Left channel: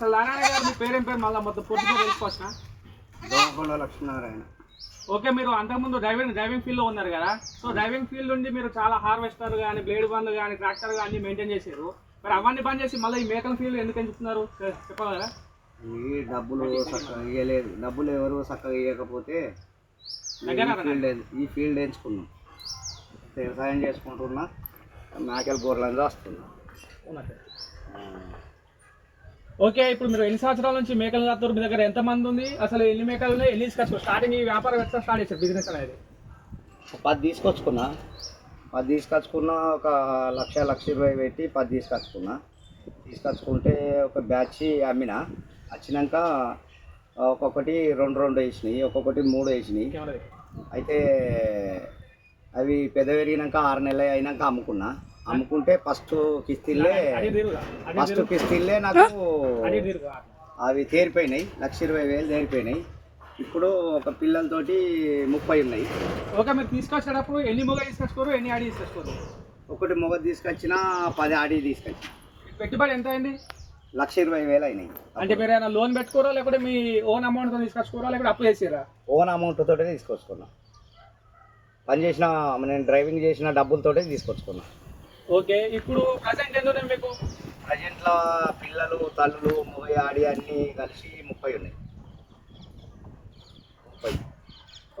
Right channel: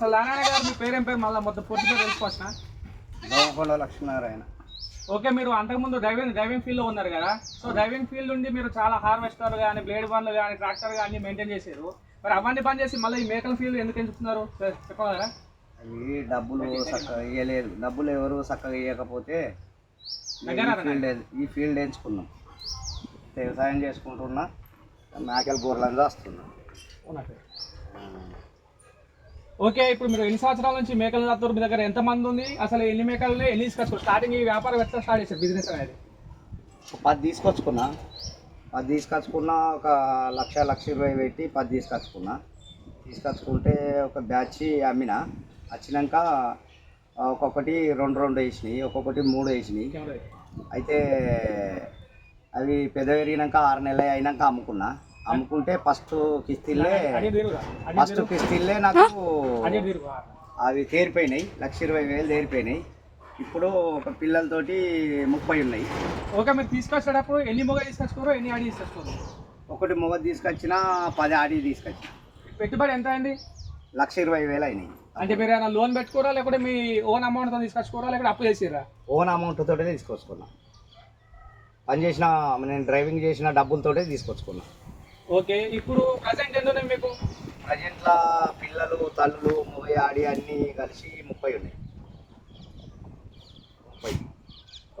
అసలు నారాయణ గారు మీ పేరేం పేరు? మళ్ళీ మొత్తం పూర్తిగా తెలుసుకోవచ్చునా దోమకొండ లక్ష్మీనారాయణ. ఓకే మీరు అంతకుముందు డ్రైవింగ్ డ్రైవింగ్ ఫీల్డ్లో ఉన్నారు కదా? సో డ్రైవింగ్ ఫీల్డ్ నుండి మీరు చాలా హార్వెస్టర్ కానీ బ్లేడ్ బండ్లు కానీ ట్రాక్టర్ కానీ మెయింటైన్ చేశారు. మరి అవన్నీ బంద్ చేసి మళ్ళీ ఈ మేకల ఫీల్డ్ ఎందుకు ఎంచుకున్నారు చెప్పగలరా? ఈ డబ్బులు చక్కగా ఇవ్వలేదు డబ్బులు ఎవరు చక్కగా ఇవ్వకపోతే ఈ ఫీల్డ్ ఎన్- ఈ ఫీల్డ్ ఎంచుకున్నాం. వ్యవసాయం చేసుకుంటున్నా. మేకల బోర్లని వస్తుంది ఓకే ఇప్పుడు మీరు ఎన్ని సంవత్సరాల నుంచి మేకలు కాస్తారు మీ దగ్గర ఎంత మంది ఉంది అసలు ఎన్ని మేకలు ఉన్నాయి ఎన్ని తీసుకొచ్చు స్టార్టింగ్ ఈ వ్యాపారం ఎట్లా స్టార్ట్ చేశారు బిజినెస్ అనేది? పది తీసుకొచ్చుకున్నా. పది తీసుకొచ్చుకున్నా ఒక లక్ష లక్ష ఇరవై పెట్టి పది తీసుకొచ్చుకున్నా. తీసుకొచ్చుకుంటే ఒక బ్యాచ్ అమ్మిన. వచ్చినాక ఒక్కొక్కటి రెండు రెండు వేసినాయి ఒక్కొక్కటి మూడు వేసినాయి. అయితే అవి పెద్ద పెరిగినాక ఆరు నెలలు అయినాక అమ్ముకున్నా. అమ్ముకుంటే ఫస్ట్ కిస్తీలే ఫస్ట్ కిస్తీలే నాకు అవి తేరిపోయినాయి లక్ష ఇరవై వేలు తేరిపోయినాయి. ఇప్పుడు ఒక పిల్లలతోటి ముప్పై ఉన్నాయి. ఓకే మీరు తీసుకొచ్చేటప్పుడు ఎన్ని మొగ తీసుకొచ్చుకోరు ఎన్ని ఆడి తీసుకొచ్చుకోరు? ఒకటి మొగ తీసుకొచ్చిన పది ఆడి తీసుకొచ్చిన. పెట్టుబడి ఎంత అండి లక్ష ఇరవై వేలు అయినాయి. అంటే మీరు ఏమైనా లోన్ పెట్టుకోరా లేకపోతే మీ ఓన్ అమౌంట్తో తీసుకొచ్చుకోరా లేకపోతే అప్పు చేసారా ఓన్ అమౌంట్ తోటే తీసుకొచ్చుకున్నా. పని చేసిన నేను డ్రైవింగ్ చేసిన డబ్బులతోటే తీసుకొచ్చుకున్నా. ఓకే ఇప్పుడు ప్రజెంట్ ఎంత ఉన్నాయి మీకు? ప్రజెంట్లో పిల్లలు తల్లులు మొగ ఆడి అన్నీ కలిసి ముప్పై ఉన్నాయి. ముప్పై.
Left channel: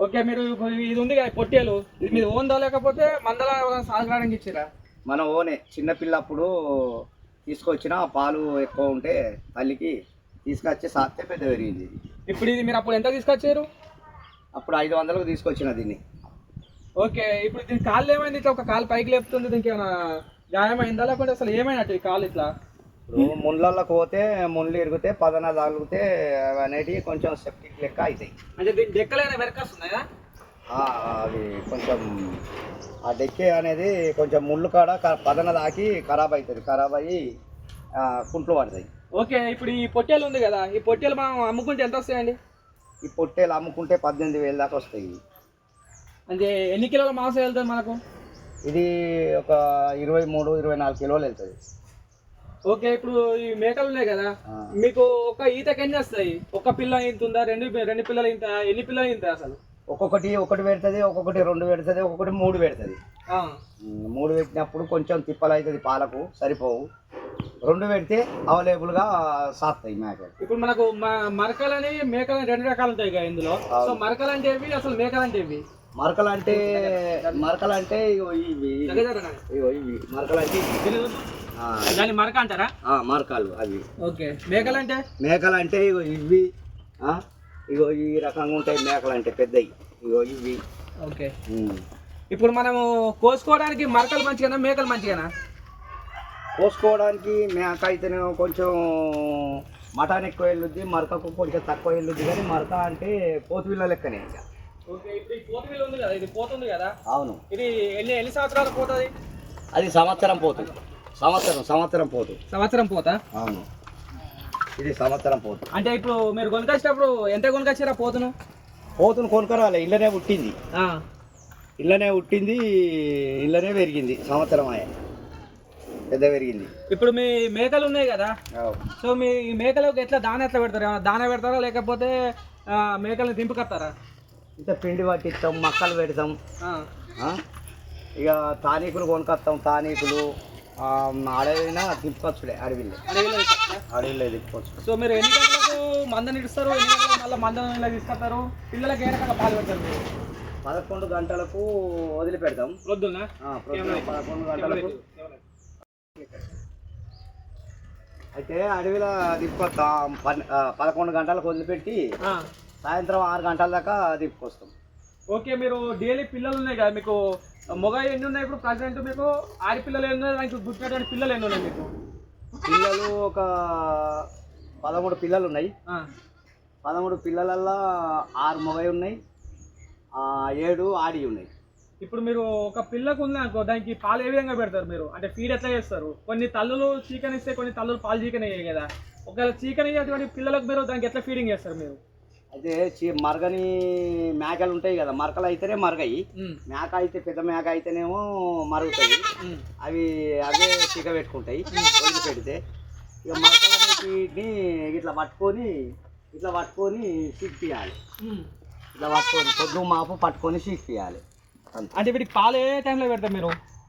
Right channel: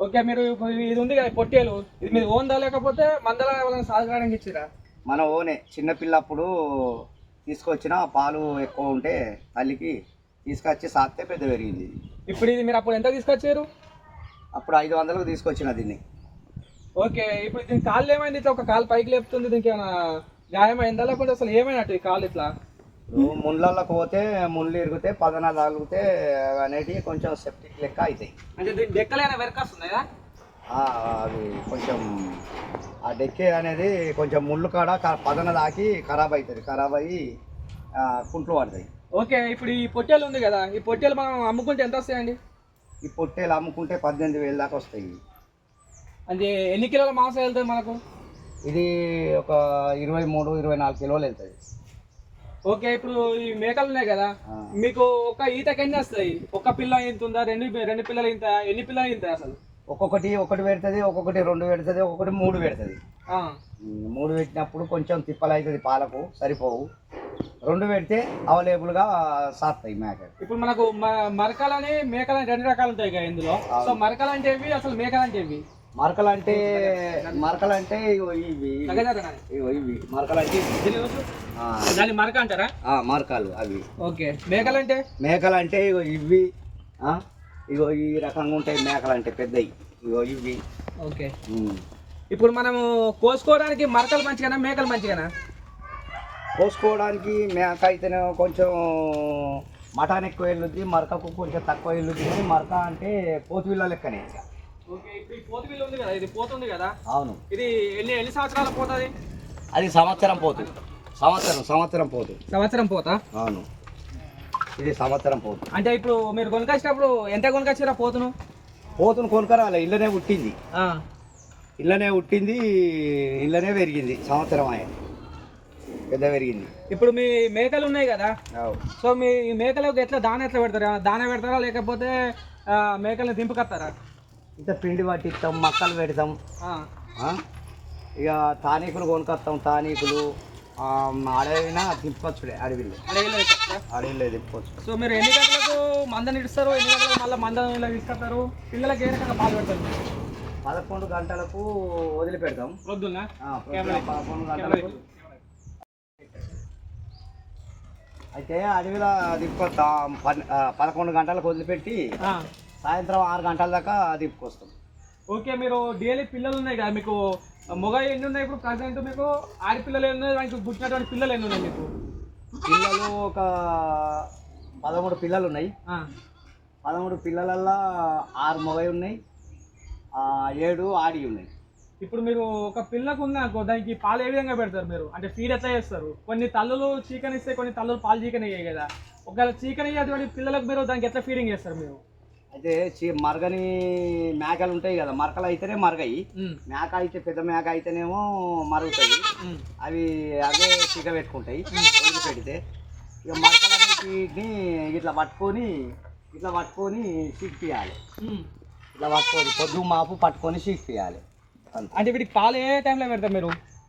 ఓకే మీరు ఇది ఉంది కదా పొట్టేలు. ఇది మీరు ఓన్ దా లేకపోతే మందల సాగడానికి ఇచ్చిరా? మన ఓనే చిన్న పిల్లప్పుడు తీసుకొచ్చిన పాలు ఎక్కువ ఉంటే తల్లికి తీసుకొచ్చి సాత్తే పెద్ద పెరిగింది. ఇప్పుడు ఇది మీరు అప్పుడు ఎంత తీసుకొచ్చారు? అప్పుడు ఐదు వందలకు తీసుకొచ్చిన దీన్ని. ఓకే ఇప్పుడు దీని కాళ్ళు ఏమైంది? ఇట్లా ఒక కాలు పైకి లేపుతుంది దీనికి ఏమైనా గాయమైందా లేకపోతే అసలు ఏమైనట్టు ఈ కాలు ఇట్లా? ముళ్ళకి పోతే ముళ్ళు ఇరిగితే పదన తగిలితే అనేటివి కొంచెం సెప్టిక్ లెక్క అవుతాయి అంటే దీని డెక్కలైనా వెరకాస్తున్నాయా అవి కొంచెం ఆ డెక్కే అనేది కొంచెం ముళ్ళు కాడ పదన దాకి ఖరాబ్ అవుతుంది ఖరాబ్ అయ్యి కుంట్లు పడతాయి. ఓకే ఇప్పుడు ఈ పొట్టేలు ఉంది కదా ఈ పొట్టేలు మనం అమ్ముకుంటే ఎంత వస్తాయండి? ఈ పొట్టేలు అమ్ముకుంటే పద్దెనిమిది వేలు దాకా వస్తాయి. అంటే ఎన్ని కిలోల మాంసం వెళ్తుంది మనకు? ఇది ఒక ఇరవై మూడు ఇరవై నాలుగు కిలోలు వెళ్తుంది. ఓకే ఇప్పుడు ఈ మేకలు ఉన్నాయి కదా. మీకు ఒక ఈతకి ఎన్ని వస్తాయి? ఒక పిల్ల ఇంత ఉందా? రెండు రెండు పిల్లలు ఇంత ఎన్ని పిల్లలు ఇంత అసలు? ఒక్కొక్కటి ఒకటి పెడుతుంది ఒక్కొక్కటి రెండు పెడుతుంది ఒక్కొక్కటి మూడు పెడుతుంది. మూడు పెట్టినప్పుడు కొంచెం తిప్పలు అవుతుంది పాలకు సరిపోవు. రెండు పెడితే అవైలబుల్గా సాస్తాయి మేక ఇప్పుడు మనకు మరకలని మేకలని రెండు రకాలు ఉంటాయి కదా ఇందులో. సో మరకలు అంటే అసలు మేకలు అంటే మరకలు అంటే మరకలు అంటే ఇగో ఇవి. ఇవి. మరకలు అంటే దాన్ని మరక అంటారా? మరకాలు అవి. ఓకే. మేకలు అంటే మేకలు అంటే ఇగో ఇవి. ఇగో ఈ రకంగా ఉంటాయి మేకలు అంటే పెద్దవి ఇగో ఇవి. ఓకే. ఇప్పుడు మనము కోసుకోవడానికి మరకలు మంచిగానా మేకలు మంచిగానా? కోసుకోవడానికి మేక అయితేనే కొంచెం మటన్ ఎక్కువ వెళ్ళుద్ది మరకకు కొంచెం తక్కువ వెళ్ళుద్ది కానీ మరక అంటే పోతువిల్ల లెక్కనే. ఓకే పోతుంది అవును. ఇది ఎన్ని ఎన్ని సంవత్సరాలు పోతుంది అది? సంవత్సరం పోతు. సంవత్సరం సంవత్సరం పోతు. సంవత్సరం పోతా? అవును. ఇది సంవత్సరం పోతు. అంటే ఇప్పుడు మీరు కొనుకొచ్చినప్పుడు ఎంత కొనుకొచ్చిరా పోతును? పోతును కొనుక్కరాలే ఇళ్ళనే పుట్టింది. ఇళ్ళనే పుట్టింది ఇళ్ళనే పెరిగింది సంవత్సరం అయ్యే పెద్ద పెరిగింది. ఇప్పుడు మీ మేకలు ఉన్నాయి కదా. సో మీ ఈ మేకలకు ఎట్లా దాన ఎట్లా పెడతారు? దాన పెడతారా? లేకపోతే మేకల్ని దింపుకొస్తారా ఇంత పిండి పట్టిస్తాం మక్కలు పెడతాం? ఇక తానీకులు కొనుక్కొస్తాం తానీకులు. అడవినా తిప్పచ్చుడే అడవిలో. అడవిలో తిప్పచ్చు. సో మీరు ఎన్ని గంటలకు మందని ఇస్తారు ఎన్ని గంటలకు మళ్ళీ మందని తీసుకొస్తారు? పిల్లలకి ఏ రకంగా పాలు పెడతారు? పదకొండు గంటలకు వదిలిపెడతాం. ప్రొద్దున పదకొండు గంటలకు. అయితే అడవిలో తిప్పుకొస్తాం ఆ, పదకొండు గంటలకు వదిలిపెట్టి. సాయంత్రం ఆరు గంటల దాకా తిప్పుకొస్తాం ఓకే మీరు డైలీ పిల్లలు ఉన్నాయి కదా మీకు మొగ ఎన్ని ఉన్నాయి ఇప్పుడు ప్రజెంట్ మీకు? ఆడి పిల్లలు ఎన్ని ఉన్నాయి? దానికి గుర్తున్నటువంటి పిల్లలు ఎన్ని ఉన్నాయి మీకు? పిల్లలు ఒక పదమూడు పిల్లలు ఉన్నాయి. పదమూడు పిల్లలల్లో ఆరు మొగై ఉన్నాయి. ఏడు ఆడి ఉన్నాయి. ఇప్పుడు మీరు ఒక పిల్లకు ఉంది అనుకో దానికి పాలు ఏ విధంగా పెడతారు మీరు? అంటే ఫీడ్ ఎట్లా చేస్తారు? కొన్ని తల్లులు చీకన్ ఇస్తే కొన్ని తల్లులు పాలు చీకన్ అయ్యాయి కదా. ఒకవేళ చీకన్ అయ్యేటువంటి పిల్లలకు మీరు దానికి ఎట్లా ఫీడింగ్ చేస్తారు మీరు? అయితే చి- మరగని మేకలు ఉంటాయి కదా మరకలు అయితేనే మరగయి. మేక అయితే పెద్ద మేక అయితేనేమో మరుగుతాయి. అవి అవే చిక పెట్టుకుంటాయి వదిలి పెడితే. ఇక మరకలు అనేది వీటిని ఇట్లా పట్టుకొని ఇట్లా పట్టుకొని సిప్పియాలి ఇట్లా పట్టుకొని పొద్దు మాపు పట్టుకొని అంతే. అంటే వీటికి పాలు ఏ టైంలో పెడతారు మీరు?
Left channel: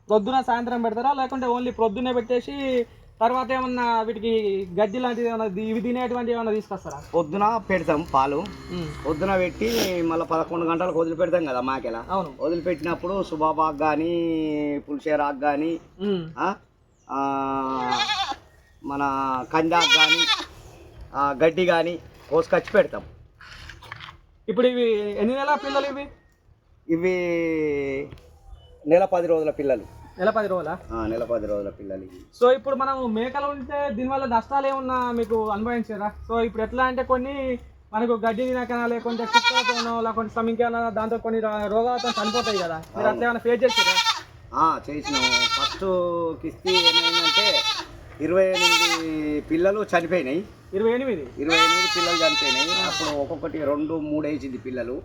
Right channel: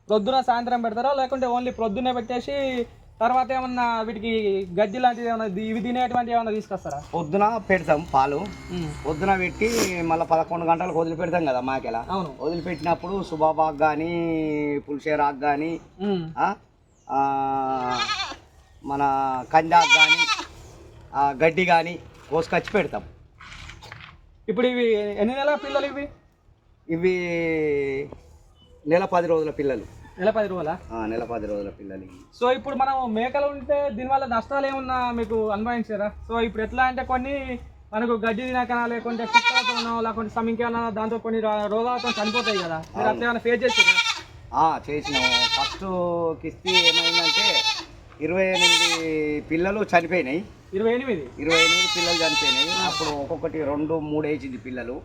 ప్రొద్దున సాయంత్రం పెడతారా? లేకుంటే ఓన్లీ ప్రొద్దునే పెట్టేసి తర్వాత ఏమన్నా వీటికి గడ్డి లాంటిది ఏమన్నా ఇవి తినేటువంటి ఏమన్నా తీసుకొస్తారా? పొద్దున పెడతాం పాలు. పొద్దున పెట్టి మళ్ళీ పదకొండు గంటలకు వదిలిపెడతాం కదా మాకెల? అవును. వదిలిపెట్టినప్పుడు సుబాబాకు కానీ పులిషేరాకు కానీ. మన కందాకు కానీ గడ్డి కానీ కోసుకొచ్చి పెడతాం. ఇప్పుడు ఇవి ఎన్ని నెలల పిల్లలు ఇవి? ఇవి నెల పది రోజుల పిల్లలు. నెల పది రోజుల? నెల పది రోజుల పిల్లలు ఇవి. సో ఇప్పుడు మనం మేకలు ఉంటే దీనివల్ల నష్టాలు ఏమన్నా మీకు అనుభవించారా? సో ఇప్పుడు ఎట్లా అంటే కొన్ని మనకు గడ్డి తినక లేకుంటే కుక్కలతోనో లేకుంటే ఇంకేమైనా దాంతో కొన్ని రోగాలతో చనిపోతాయి కదా. మీరు అట్లా ఏమైనా ఫేస్ చేసారా చేసినాము. ఫస్ట్ కిస్తీ ఏమైందంటే ఇరవై ఎనిమిది పిల్లలు చనిపోయినాయి. ఇరవై ఎనిమిది? ఇరవై ఎనిమిది పిల్లలు చనిపోయినాయి. అప్పుడు ఒక్కొక్కటి రెండు మూడు వేసింది పిల్లలు.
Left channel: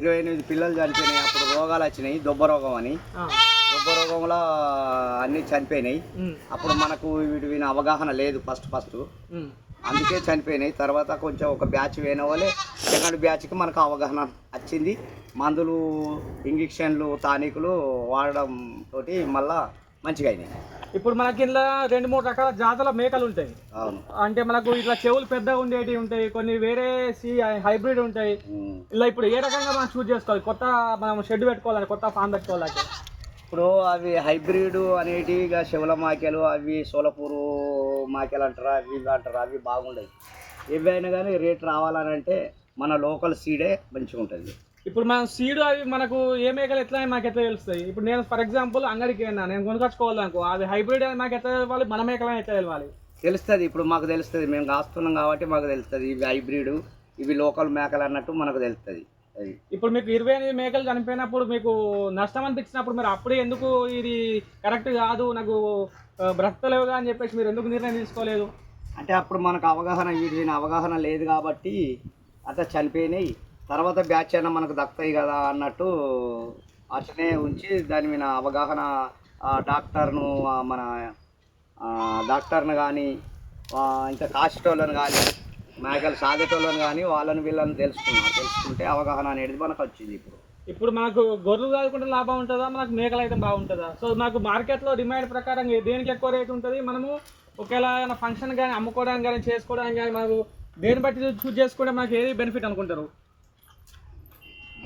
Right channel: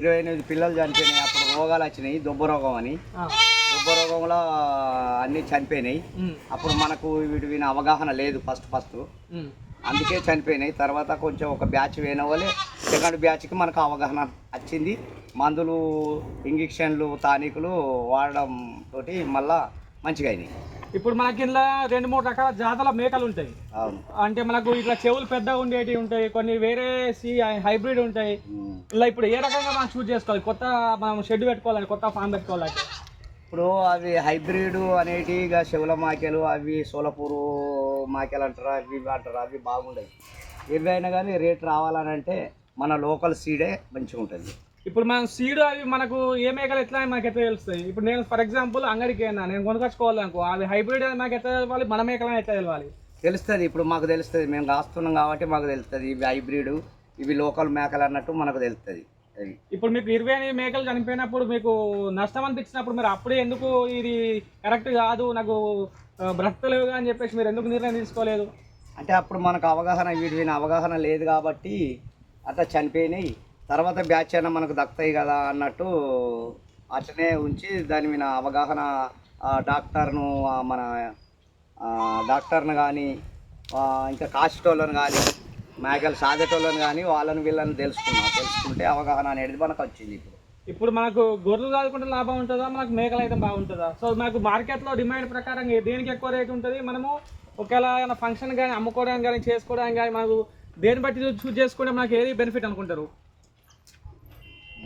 ఇరవై ఎనిమిది పిల్లలు చనిపోయినాయి. అప్పుడు రోగాలు వచ్చినాయి. దొబ్బ రోగం అని. రోగంలో అన్నీ చనిపోయినాయి. అప్పుడు మనకు వీటి విన అవగాహన లేదు ఫస్ట్ ఫస్ట్. అందుకే చనిపోయినాయి. తర్వాత కొంచెం ఒక బ్యాచ్ వేయన వాళ్ళే సెకండ్ బ్యాచ్కి మనకు అవగాహన వచ్చింది. మందులు ఇంజక్షన్లు టానికులు వాడడం తోటి మళ్ళా మంచిగా అయినాయి. ఇప్పుడు మనకి ఇంట్లో రెండు మూడు రకాల జాతుల మేకలు ఉంటాయి. అవును. అంటే మనకు ఇట్లా చెవులు పెద్దగా ఉండేటివి ఉంటాయి. కొన్ని వేరే సి హైబ్రిడ్ ఉంటాయి. ఇలా ఇప్పుడు ఏ రకంగా మనం చూస్ చేసుకోవాలి? కొత్త మనం షెడ్ పెట్టుకోవాలి? కొత్త ఫామ్ పెట్టుకోవాలంటే ఇప్పుడు అవి హైబ్రిడ్ అనేటి ఇక శివల మాకెలు అవి సోలపూరు మాకెలు అంటారు అవి ఇవి అంటారు అవి బాగుండయి. ఏవి అయినా కానీ రేట్ రావాలని అంటే మన లోకల్ సీడే మంచిగా ఉంటుంది. ఇప్పుడు మనం సీడ్ అవి మనకు ఏ మేకలు ఎట్లా మాకు ఎట్లా తెలుస్తాయి? ఇప్పుడు నేను ఫర్ ఎగ్జాంపుల్ అంగడికి వెళ్ళినా నేను కొనుకొచ్చుకోవాలి అనుకో అవి హైబ్రిడ్ అని మాకు ఎట్లా తెలవాలి మన మేకలని ఎట్లా తెలవాలి? తెలుస్తుంది ఇప్పుడు మాకు తెలుస్తుంది. మేము కాస్తున్నాం కాబట్టి మాకు తెలుస్తుంది ఇవి హైబ్రిడ్ ఇవి లోకల్ మేకలు అన్నట్టు మనకు తెలుస్తుంది. ఇప్పుడు మీకు ఇరవై ఎనిమిది మేకలు చనిపోయినప్పుడు మీకు నష్టం అనిపించినప్పుడు మీరు అప్పుడే ఎందుకు ఇది కరెక్ట్ కాదు నాకు బ్రతకలేవుగా అని చెప్పేసి మీరు ఎందుకు నిర్ణయం తీసుకోలేదు? అంటే అప్పుడు మనకు అవగాహన వీటి అవగాహన లేదు కాబట్టి అట్లా చనిపోయినాయి. తర్వాత బ్యాచ్ అయినా మనకు దక్కుతాయి కదా అన్నట్టు అట్లనే ఉంచి దాని మీద అవగాహన డాక్టర్ను మన డాక్టర్ను కానీ ఇంకా కాసేటోళ్ళని కానీ మేకలు సాగేటోళ్ళని కానీ వాళ్ళని వీళ్ళని తెలుసుకున్నాం. తెలుసుకుంటే అవగాహన అనేది మనకు వచ్చింది ఇప్పుడు. ఇప్పుడు మనకు గొర్రెలు కాదుకుంటే లాభం ఉంటుందా? మనకు మేకలు అయితే బాగుంటుందా? సో మనకు మార్కెట్లో డిమాండ్ ప్రకారం దేనికి ఎక్కువ రేట్ ఉంటుంది? మనము ఒకవేళ ఏమైనా ఫంక్షన్ కానీ అమ్ముకోవడానికి కానీ చేసుకోవడానికి కానీ మనకు దేని బట్టి చూస్ చేసుకుంటే మనకి ఏది బెనిఫిట్ అనుకుంటారు?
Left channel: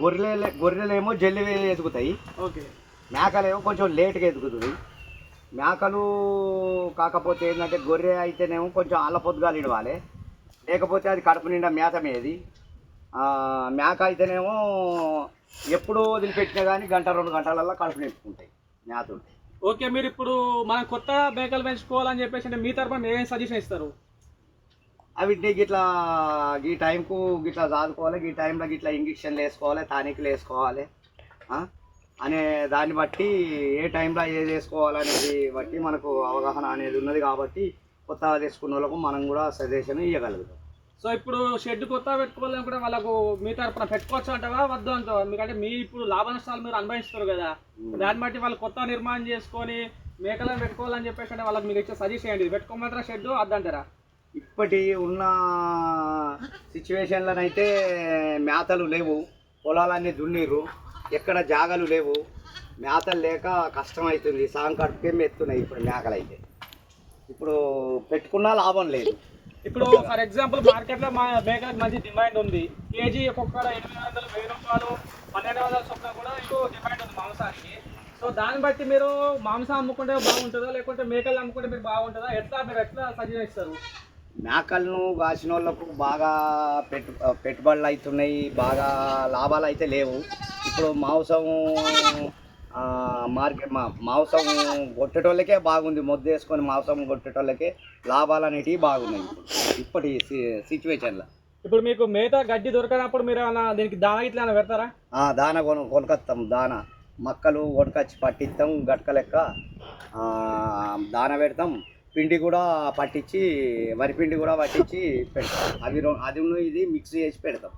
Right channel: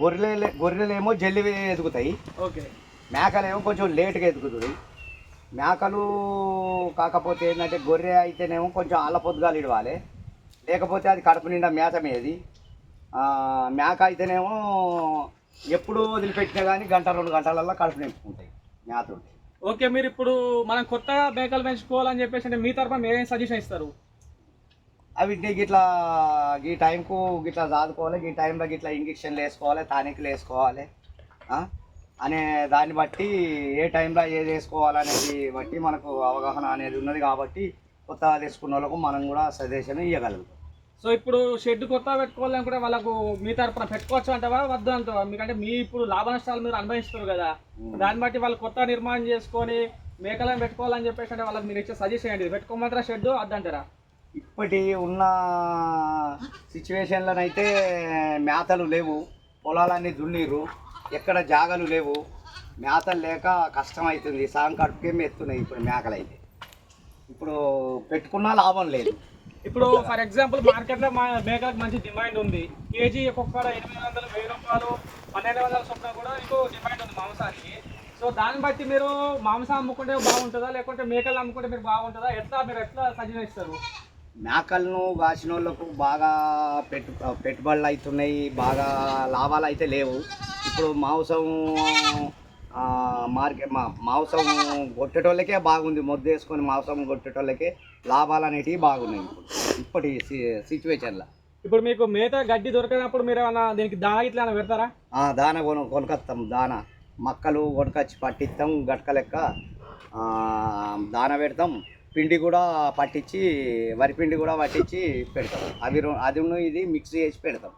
గొర్రెలు గొర్రెలేమో జల్లి ఎదుగుతాయి. ఓకే. మేకలేమో కొంచెం లేట్గా ఎదుగుతుంది. మేకలు కాకపోతే ఏంటంటే గొర్రె అయితేనేమో కొంచెం ఆళ్ళ పొద్దుగాలు ఇడవాలి లేకపోతే అది కడుపు నిండా మేత మేది. ఆ, మేక అయితేనేమో ఎప్పుడు వదిలిపెట్టినా కానీ గంట రెండు గంటలల్లో కడుపు నింపుకుంటాయి మేత ఉంటాయి ఓకే మీరు ఇప్పుడు మనం కొత్త మేకలు పెంచుకోవాలని చెప్పేసి అంటే మీ తరఫున మీరు సజెషన్ ఇస్తారు? అవి గిట్లా ఈ టైంకు గిట్లా చదువుకోవాలి ఈ టైంలో గిట్లా ఇంజక్షన్లు వేసుకోవాలి టానిక్లు వేసుకోవాలి? అనే దాన్ని బట్టి ఏ టైంలో ఏది వేసుకోవాలనేది బట్టి మనకు అవగాహన అనేది ఉన్నది కాబట్టి కొత్తగా తెచ్చుకున్న వాళ్ళకు మనం కూడా సజెషన్ ఇవ్వగలుగుతాం సో ఇప్పుడు షెడ్ కొత్త పెట్టుకోవాలనుకుంటే వాళ్ళకు మీ తరపున పెట్టుకోవచ్చు అంటావా? వద్దు అంటావా? మీకంటే మీ ఇప్పుడు లాభ నష్టాలు మీరు అనుభవిస్తారు కదా. దాన్ని బట్టి వాళ్ళు కొత్త నిర్మాణం చేసుకొని మేకలను పెట్టుకోవాలని చెప్పేసి అంటే వాళ్ళకి మీరు ఇచ్చే సజెషన్ ఏంటి పెట్టుకోమంటారా షెడ్ వద్దంటారా ఇప్పటి ఉన్న సిచ్యువేషన్లనైతే మేతలు లేవు. పొలాలన్నీ దున్నీరు ఎక్కడ జాగలు లేవు. మేతలు లేక కష్టం అవుతుంది. సాయం కడుపుకే మెత్తున్నాయి ఇప్పుడు మేకలు అయితే ఇప్పుడు పెట్టుకున్నా లాభం లేదు. ఇప్పుడు ఫర్ ఎగ్జాంపుల్ మార్కెట్లో మా మేకలకు మంచి డిమాండ్ ఉంది. కేజీ ఒక్కొక్క ఎనిమిది వందలు వెయ్యి రూపాయలు పన్నెండు వందల చొప్పున కూడా ఎక్కువ డిమాండ్ ఉంది మాంసానికి. సో దాన్ని బట్టి మీరు మాంసం అమ్ముకుంటే బాగుంటుందా లేకుంటే మేకలు అమ్ముకుంటే మీరు బాగుంటుందా? ఎట్లా మీరు ఎట్లా సజెషన్ ఇస్తారు మేకలను కాసిన వాళ్ళకు బాగా పెట్టు పెట్టుబడులు అవుతున్నాయి బాగా లాభాలు అయితే లేవు. ఇప్పుడు మాంసం మార్కెట్ మా మాంసం కొట్టేటోళ్ళకే బాగుంది మొద్దు వేసుకొని మాంసం కొట్టేటోళ్ళకే లాభాలు అనేటివి బాగున్నాయి ఇప్పుడు ఇప్పటి సిచ్యువేషన్లో. ఇప్పుడు మీకు మేత గడ్డి దొరకనప్పుడు మీరు ఏమైనా దీనికి దాన ఇట్లా పెడతారా? దాన కొను కొనుకొస్తాం దాన. మక్కలు కొనుకొచ్చి పట్టిస్తాం గట్క లెక్క. దాన పెడతాం పిండి కూడా పట్టించి వరి పిండి కూడా పట్టించి పెడతాం. అవి అది ఇది మిక్స్ చేసి పెడతాం.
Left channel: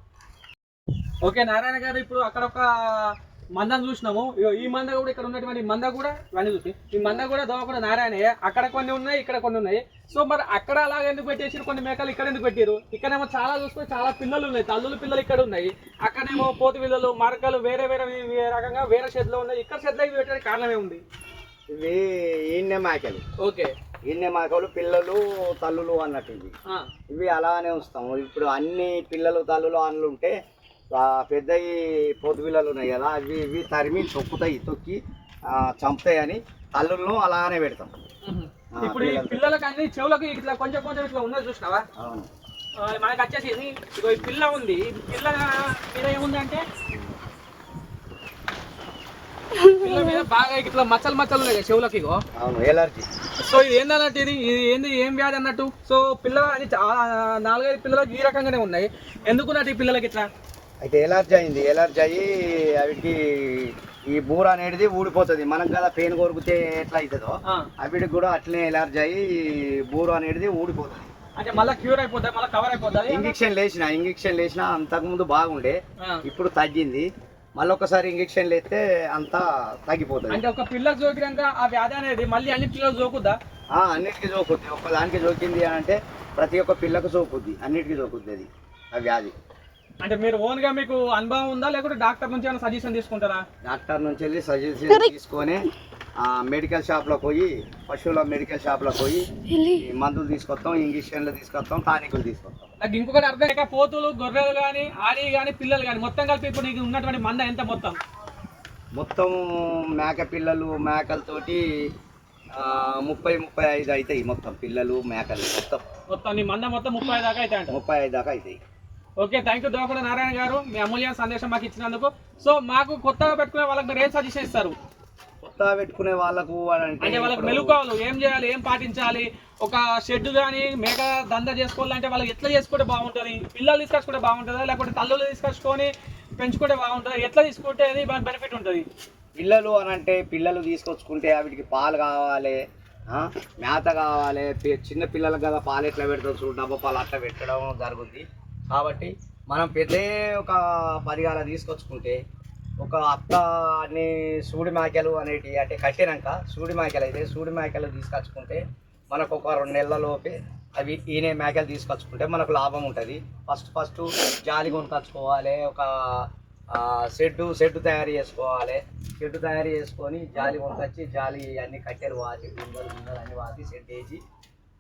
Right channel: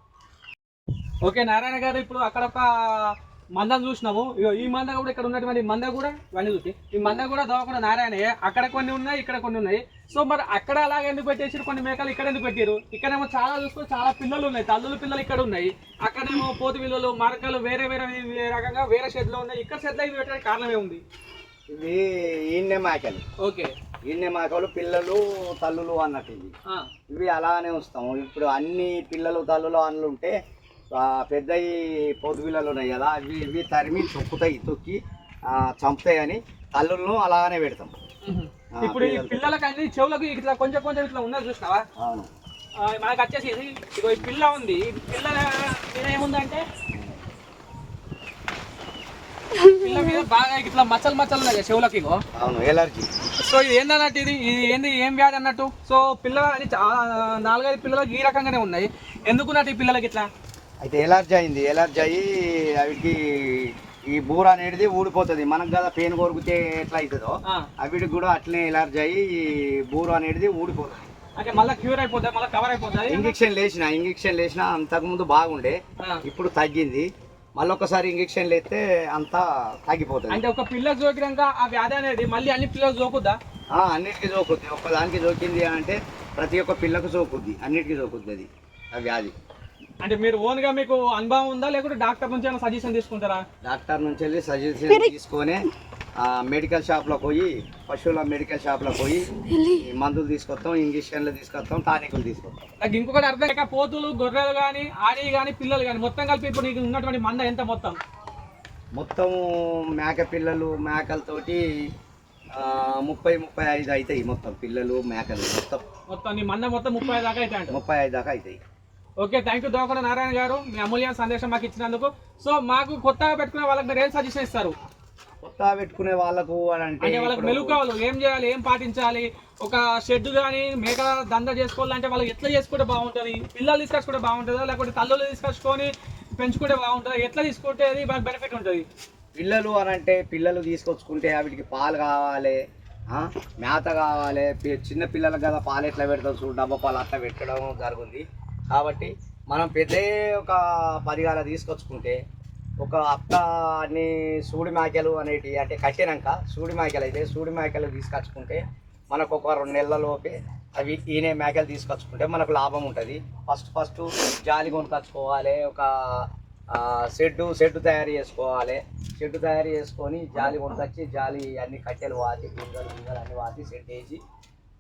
ఓకే నారాయణ గారు ఇప్పుడు అక్కడ ఒక మందను చూసినాము. ఈ మంద కూడా ఇక్కడ ఉన్నటువంటి మంద కూడా ఇవన్నీ చూసి. ఈ మంద కూడా దోవకుండా నారాయణ అక్కడ కొన్ని ఉన్నాయి ఇక్కడ కొన్ని ఉన్నాయి. సో మరి అక్కడ అలాగ ఎందుకు పెట్టేసి కొన్ని మేకలు ఇక్కడ ఎందుకు పెట్టారు ఇక్కడేమో చాలా చూసుకొని చాలా పిల్లలు ఉన్నాయి. తల్లుల పిల్లలు ఇక్కడ ఉన్నాయి. అక్కడేమో పోతు పిల్లలు మరకలు వేరే వేరే వేరే రకంగా వేరే షెడ్లో ఉన్నాయి. ఇక్కడ షెడ్లో ఇవి పెట్టడానికి కారణం ఏముంది? ఇవి ఈయన్నే మేకలు. ఓకే. ఈయన్నే మేకలు పిల్లలు తల్లులు అన్నట్టు ఇవి ఇవి అలానే ఉంచుతాము. ఇప్పుడు అన్ని పిల్లలు తల్లులు అన్నులు ఉంటే పొద్దు పిల్లలు ఉన్నాయి కదా అవి ఇవి తరిమి తొక్కుతాయి తొక్కి చంపుతాయి అని తల్లులను అలానే పెడతాం. ఇప్పుడు ఈ పిల్లలు. పిల్లలకి అన్ని చెవులకు ఇట్లా కొంచెం కొంచెం ఇట్లా ఉన్నది చూసినావా? అవును. మనకి వచ్చేసి ఇది ఇగో ఈ పిల్ల ఉంది. పిల్ల మీద ఏముందంటే పిల్ల మీద బాగా ఇట్లా మచ్చలు మచ్చలు ఉన్నాయి చెవులకి ఇగో. అవును ఎలర్జీ. సో ఇది ఏందన్నట్టు ఇది? ఇది ఏంది? ఏం వ్యాధి అన్నట్టు? సో పిల్ల నాలుగైదు పిల్లలకి ఈ రకంగానే ఉన్నాయి. ఎందుకున్నట్టు ఈ పిల్లలకి ఇట్లా? అయితే ఎలర్జీ అయింది. ఎలర్జీ అయ్యి అవిటికి ఈ బూర అనేది ఊడిపోతుంది. మనకు కదా పెయిన్ కొరికితే ఎట్లా అవుతుందో అవిటికి కూడా అట్లనే ఎలర్జీ అయ్యి బూర అనేది ఊడిపోతుంది. అంటే మళ్ళీ క్యూర్ అయిపోతుంది మళ్ళీ కవర్ అయిపోతుంది ఇంజక్షన్ లేచిన ఇంజక్షన్ లేచిన అంతకుముందు బాగుండే. ఇప్పుడు తగ్గింది. మళ్ళీ ఒకసారి ఇంజక్షన్ లేస్తే అంతా తగ్గిపోతుంది. అంటే ఒక పిల్లకి సోకినాక ఆ వ్యాధి అనేది మళ్ళీ అన్ని పిల్లలు సోకుద్దా ఆ, అన్నిటికీ సోకుద్ది ఒక్కదానికి సోకింది అని అంటే ప్రతి ఒక్క పిల్లకు సోకుద్ది అన్నిటికీ సోకుద్ది అది ఆ వ్యాధి. అంటే మీరు ఓన్గా మీకు అనుభవం ఉందా? లేకుంటే డాక్టర్ నుంచి ఏమైనా సజెషన్ తీసుకుంటారా? డాక్టర్ నుంచి వెళ్ళి సజెషన్ తీసుకొని ఆ, మెడికల్ షాప్లో పోయి పశువుల మెడికల్ షాప్లో పోయి ఈ మందులు తీసుకొస్తాం ఇంజక్షన్లు తీసుకొస్తాం టానికులు తీసుకొస్తాం. నాకు ఇంకొకటి అర్థం లేక పోతులు గొర్రెలు కానీ ఆడి కానీ పిల్లలు కానీ మొత్తం కలిపి ఇప్పుడు నీకు ఉన్నటువంటి మంద ఎంత మొత్తం? మొత్తం మేక పిల్లలు మేకలతోటి ఆ, ముప్పై ముప్పై ఐదు అవుతాయి మొత్తం పిల్లలు మేకలు మొత్తం. మొత్తం నీ మంద మొత్తం ముప్పై దాకా అయితే అంట ముప్పై ఐదు దాకా అవుతాయి. Okay thank you Dokada Narayana garu. మీ అమూల్యమైన సందేశం మాకు ఇచ్చినందుకు. సో మాకు కొత్తగా పెట్టుకునే వాళ్ళకి మీరు ఏం సజెషన్ ఇస్తారు? కొత్త పెట్టుకునే వాళ్ళకు అని అంటే వాళ్ళకి మెలుకోవాలి ఏం చేయాలి ఏం పాటించాలి? ఒక షెడ్ కానీ మేక దంద చేసుకోవాలంటే వాళ్ళకి ఎట్లా చేసుకుంటే బాగుంటుంది? పిల్లలు తీసుకొచ్చుకుంటే బాగుంటుందా? లేకపోతే తల్లులు తీసుకొచ్చుకొని పెంచుకుంటే బాగుంటుందా? ఎట్లా తీసుకుంటే అది మనకు బెనిఫిట్ ఉంటుంది? పిల్లలు అని అంటే పిల్లలు తీసుకొచ్చుకుంటే వీటికి పాలు కావాలి మేత కావాలి చిన్న పిల్లలకు కదా పాలు ఎట్లా పెడతాం చూడు డబ్బా పాలు అట్లా పెట్టడం జరుగుతుంది కాబట్టి మనం పెద్ద ఒక పదిగాల తీసుకొచ్చుకుంటే ఒక అక్క అన్ని సూడి మేకలు అనేటి అంటే కట్టినాక సూడి మేకలు అయితే సూడి మేకలు తీసుకొచ్చుకుంటే మనకు ఒక రెండు నెలలలోపే అవి ఈనే మేకలు తీసుకొచ్చుకుంటే మనకు లాభం ఉంటుంది. ఫస్ట్ ఫస్ట్ జాలి కొనుకొచ్చుకోవాలి ఒక షెడ్డు షెడ్డు తయారు చేసుకోవాలి. షెడ్డు తయారు చేసుకొని జాలి కొనుకొచ్చి జాలి అన్ని కట్టెలు వాతి గింజలు గింజలు అన్ని వాతి షెడ్ వేసి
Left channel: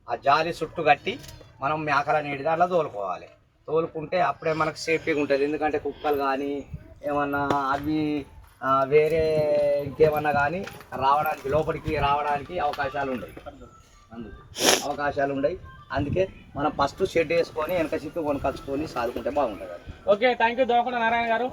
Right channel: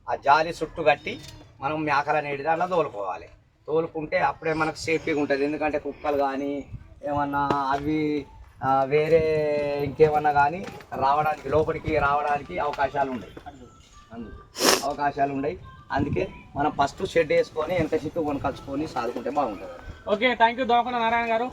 ఆ జాలి చుట్టూ కట్టి మనం మేకలు అనేది దాంట్లో తోలుకోవాలి. తోలుకుంటే అప్పుడే మనకు సేఫ్టీగా ఉంటుంది. ఎందుకంటే కుక్కలు కానీ ఏమన్నా అవి వేరే ఇంకేమన్నా కానీ రావడానికి లోపలికి రావడానికి అవకాశాలు ఉన్నాయి అందుకు అవకాశాలు ఉన్నాయి అందుకే మనం ఫస్ట్ షెడ్ వేసుకొని వెనక చిత్తు కొనుకొచ్చుకొని సాదుకుంటే బాగుంటుంది. Okay thank you Dokada Narayana garu.